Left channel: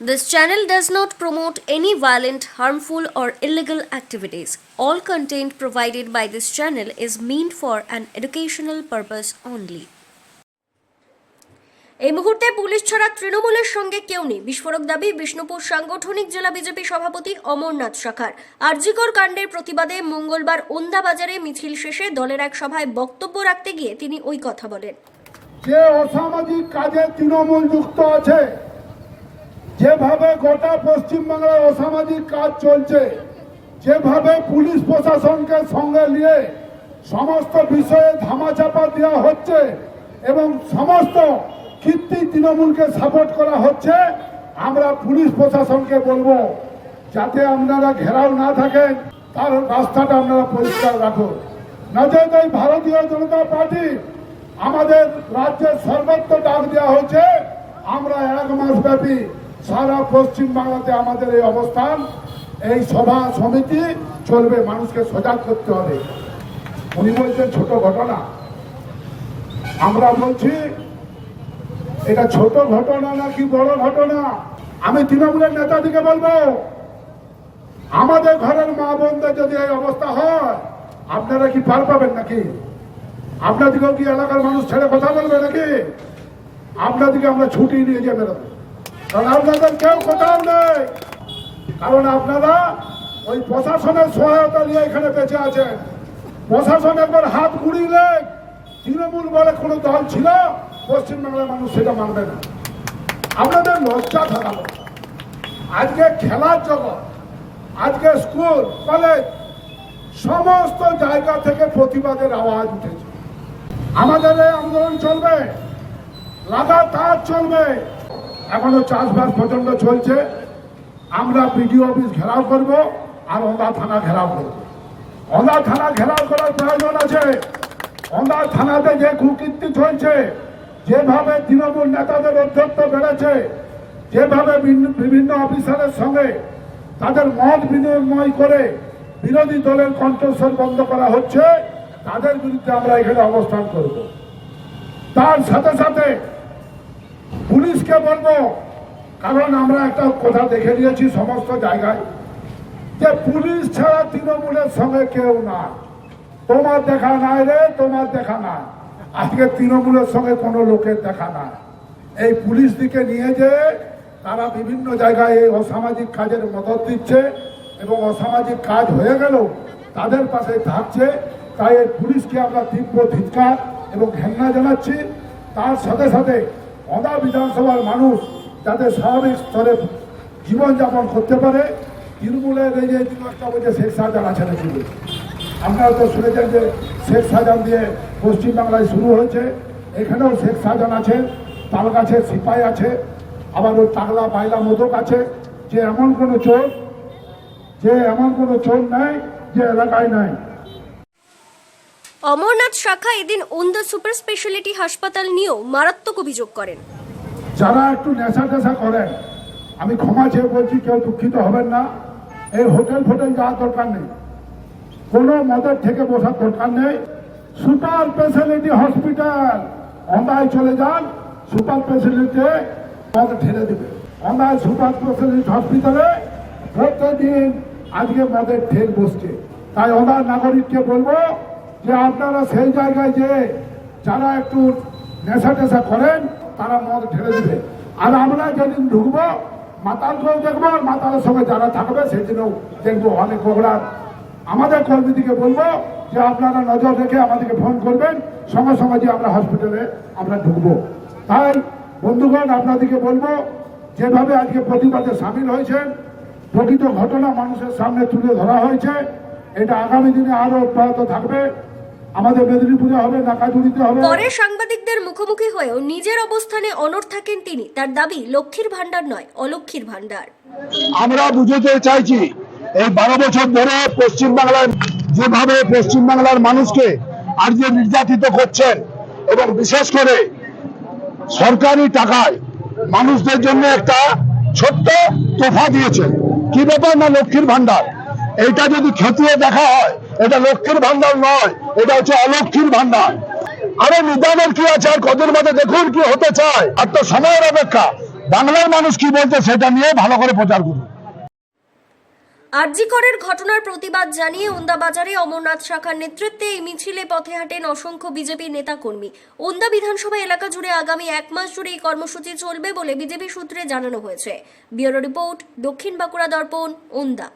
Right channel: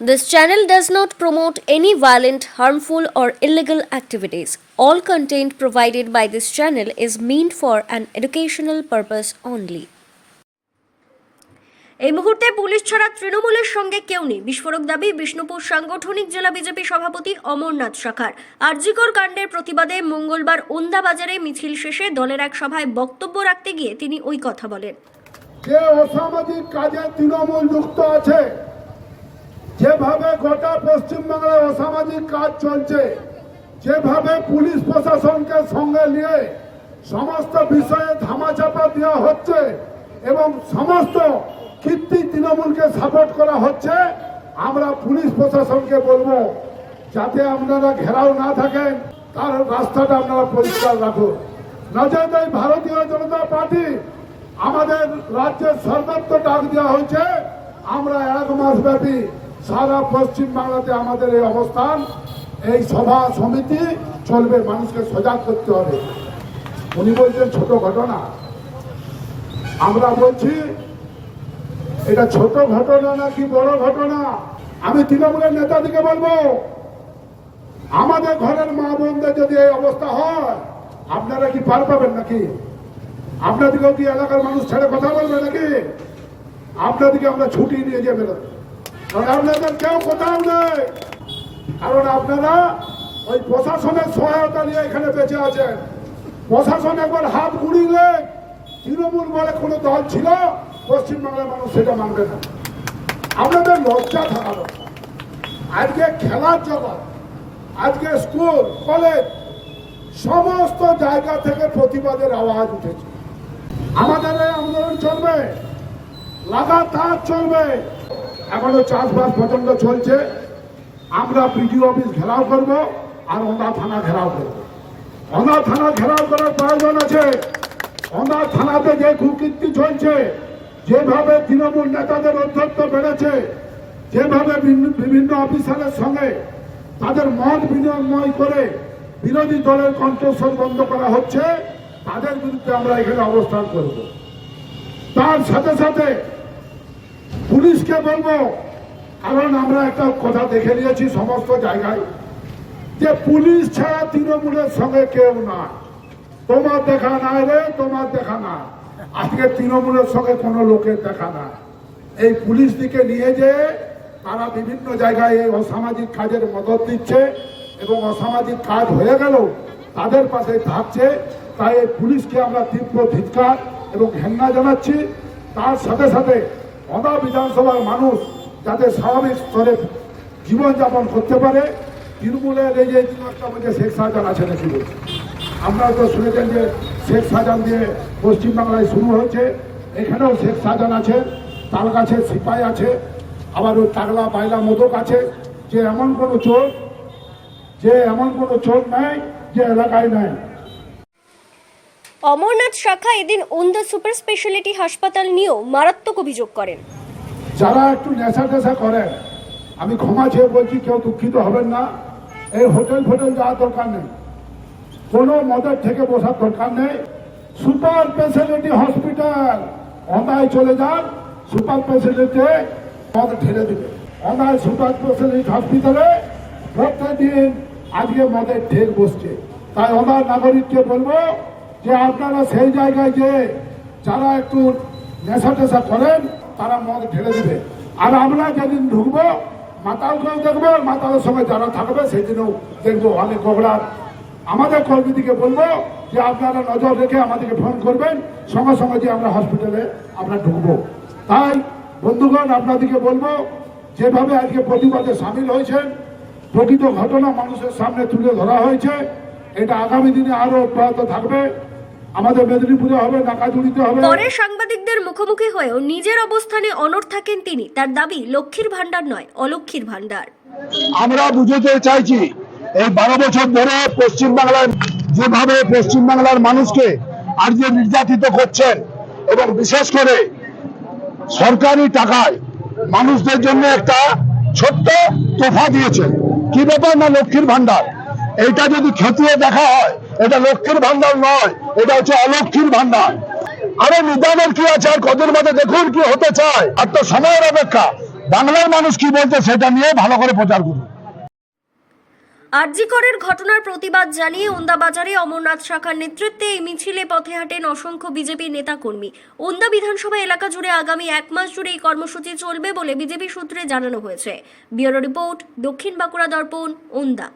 This channel does not promote any violent, harmful, or illegal activities. All content provided by this channel is meant for an educational purpose only. এই মুহূর্তে police ছাড়া তৃণমূলের সঙ্গে কেউ নেই বিস্ফোরক দাবি বিষ্ণুপুর সাংগঠনিক জেলা বিজেপি সভাপতি অমরনাথ শাখার আরজিকর কাণ্ডের প্রতিবাদে মঙ্গলবার ওন্দা বাজারে মিছিল শেষে দলের এক সভায় বক্তব্য রাখতে গিয়ে তিনি ওই কথা বলেন যে অসামাজিক কাজে তৃণমূল যুক্ত আছে যেভাবে গোটা পশ্চিমবাংলায় অসামাজিক কাজ চলছে, যেভাবে পুলিশ প্রশাসনকে সঙ্গে নিয়ে সমস্ত বিষয়ে ধামাচাপা দেওয়া হচ্ছে এবং সমস্ত কীর্তি তৃণমূলকে সাপোর্ট করা হচ্ছে, আমরা পুলিশ প্রশাসনকে বলব, যাতে আপনারা ঘেরাও না থাকেন, তার রাস্তাটা আপনারা পরিষ্কার রাখুন। নজর এই ভারতীয় জনতা পার্টি আমাদের রাজ্যের সর্বত্র ডাক দেওয়া হয়েছে, আমরা এক মাস ব্যাপী সারা পশ্চিম বাংলাতে আমাদের এই অবস্থান, এই সভা সমিতি চলবে, মানুষকে সজাগ করতে হবে। উনি বলছেন, ছোট ঘটনা। আমরা বলছি, এটা ছোট ঘটনা নাকি বড় ঘটনা? আমি তৃণমূলের নেতাদিকে বলব, আমাদের ঘরের মা বোনদের যদি এই অবস্থা হয়, আপনারা কি পার পাবেন নাকি? আপনাদেরকেও কি এলাকার মানুষ ছেড়ে কথা বলবে নাকি? আপনাদেরকে আমরা ছুটি নিয়ে যাবে কারণ আপনাদের কেউ কোথাও নেই। কারণ আপনারা ওই প্রশাসনের সহায়তা নিয়ে এখানে বেঁচে আছেন। প্রশাসন একবার হাত গুড়িলে তৃণমূল বলে কোনো দল ছিল, পশ্চিমবাংলার মানুষ সেটা মানবে না। আপনাদের লজ্জা থাকা আজকে খেলার জগৎ, আজকে স্কুল, কলেজ, সমস্ত জায়গা থেকে প্রতিবাদের আওয়াজ উঠেছে। আমাদের এই আন্দোলন চলবে, লাগাতার চলবে। এখনও চাষবাস প্রচণ্ড চলছে। আমরা বিডিও অফিস ঘেরাও করব আর ওন্দা থানা ঘেরাও করব। ওন্দা থানা ঘেরাও করার প্রয়োজন আছে। ওন্দা থানাতে যে কুকীর্তি চলছে, যেভাবে তৃণমূল নেতাদের অধ্যক্ষ বেড়েছে, যেভাবে ভিন্ন- বিভিন্ন অফিসারের সঙ্গে তাদের মত বিনিময় করে বিরোধী দলের কণ্ঠস্বর বন্ধ করা হচ্ছে, তাদের বিরুদ্ধে আমরা এখানে অবস্থান করব। তার সাথে সাথে পুলিশকে বলব, কারণ আমরা একটা কথা দেখে নিয়েছি সমস্ত জায়গায়, যে পুলিশ ছাড়া তৃণমূলের সঙ্গে কেউ না। তোমার দেখা নাই রে, তোমার দেখা না আজকে তৃণমূলের সঙ্গে কোনো লোকের দেখা না এই পুলিশ দিকে নিয়ে যে তারা বিভিন্ন জায়গায় এই অসামাজিক কাজের মদত দিচ্ছে এবং অসামাজিক কাজ হয়ে গেলেও তাদের পাশে থাকছে, তাই এই পুলিশকে আমরা তীব্র ধিৎকার এবং ঘেন্না জানাচ্ছি। তার সাথে সাথে অদা বিধানসভার মানুষ যাতে স্বাভাবিক স্তরে জীবনযাপন করতে পারে, তৃণমূলের এই যে দিবসটা বলছে, শেখ শাহজাহান আছে নাকি। আপনারা তো শুনেছেন যে শেখ শাহজাহান দিয়ে পশ্চিমবাংলায় শুরু হয়েছে, এখানেও শেখ শাহজাহান আছে তাল গাছে সিপাই আছে, আবার ওই টাকলা বাইলা মোদক আছে, যে এমন কোনো চোর, যে এমন কোনো চোর নাই, যে এলাকায় নাই অমরনাথ শাখা এদিন ওন্দা সুপার স্পেশালিটি হাসপাতাল নিয়েও মারাত্মক অভিযোগ করেন। যারা একটু নেশা টেশা করেন, আমি ক্ষমা চেয়ে বলছি, কেউ দুঃখিত হবেন না। এই হোটেল ফোটেল যাওয়ার দরকার নেই। কোনো মদের থেকে বসার দরকার নেই। সুপার স্পেশালিটি হসপিটাল, অন্ধায় চলে যান, সুপার স্পেশালিটি মদ ঢেলে দেবে। অন্ধায় সুপার স্পেশালিটি হসপিটালে প্রত্যেকদিন আজকে মদের ঢেল বসছে। তাই অন্ধার নাগরিককে বলব যে আপনারা সেই জায়গায় যে যারা একটু নেশা টেশা করেন, তারা মদ ঢেলে দেবে। আর আমরা যেদিন ঢুকবো মাতালকেও দেখব, আর মাতালের সঙ্গে যারা থাকবে, সেদিনও দেখব অনেক ওগুলার আমাদের কর্মীদিকে বলব যে আপনারা নজর রেখে আমাদেরকে ফোন করবেন, সঙ্গে সঙ্গে যে আমরা হসপিটালে আমরা ঢুকবো। তাই, বন্ধুগণ, আপনাদেরকে বলব, যেভাবে আজকে প্রতিবাদে সামিল হয়েছেন, প্রকৃত ঘটনা মানুষের সামনে তুলে ধরা হয়েছে। এটা আগামী দিনে আরও অব্যাহত থাকবে। আমাদের মেদিনীপুরে হবে নাকাজুড়িতে হবে। পরে সাংবাদিকদের মুখোমুখি হয়েও নিজের অবস্থানে অনড় থাকেন তিনি। তার দাবি লক্ষ্মীর ভাণ্ডার নয় অলক্ষ্মীর ভাণ্ডার। আমরা বুঝতে চাইছি এই বারো বছর ধরে পশ্চিম বাংলায় যেভাবে পশ্চিম বাংলার মানুষকে আর যে নির্যাতিত করছেন এবং বিশেষ করে সরকারি টাকায় মানুষদের জন্য একটা ছোট্ট তোফা দিয়েছেন। কি ব্যাপার না লক্ষ্মীর ভান্ডার এটা যদি খতিয়ে দেখা হয় এটা লক্ষ্মীর ভান্ডার নয়, এটা হচ্ছে অলক্ষ্মীর ভান্ডার। আরে নিদানের কি আছে, আর কদিন মধ্যে দেখুন কি হতে চায়। আর তো সময়ের অপেক্ষা। বাংলার মানুষ কি বলছে সেটা নিয়ে ভালো করে প্রচার করুন। আরজিকরের ঘটনার প্রতিবাদ জানিয়ে ওন্দা বাজারে অমরনাথ শাখার নেতৃত্বে এই মিছিলে পথে হাঁটেন অসংখ্য বিজেপি নেতাকর্মী। ওন্দা বিধানসভা এলাকা জুড়ে আগামী এক মাস জুড়ে এই কর্মসূচি চলবে বলে বিজেপি সূত্রে জানানো হয়েছে। ব্যুরো রিপোর্ট, দক্ষিণ বাঁকুড়া দর্পণ, ওন্দা।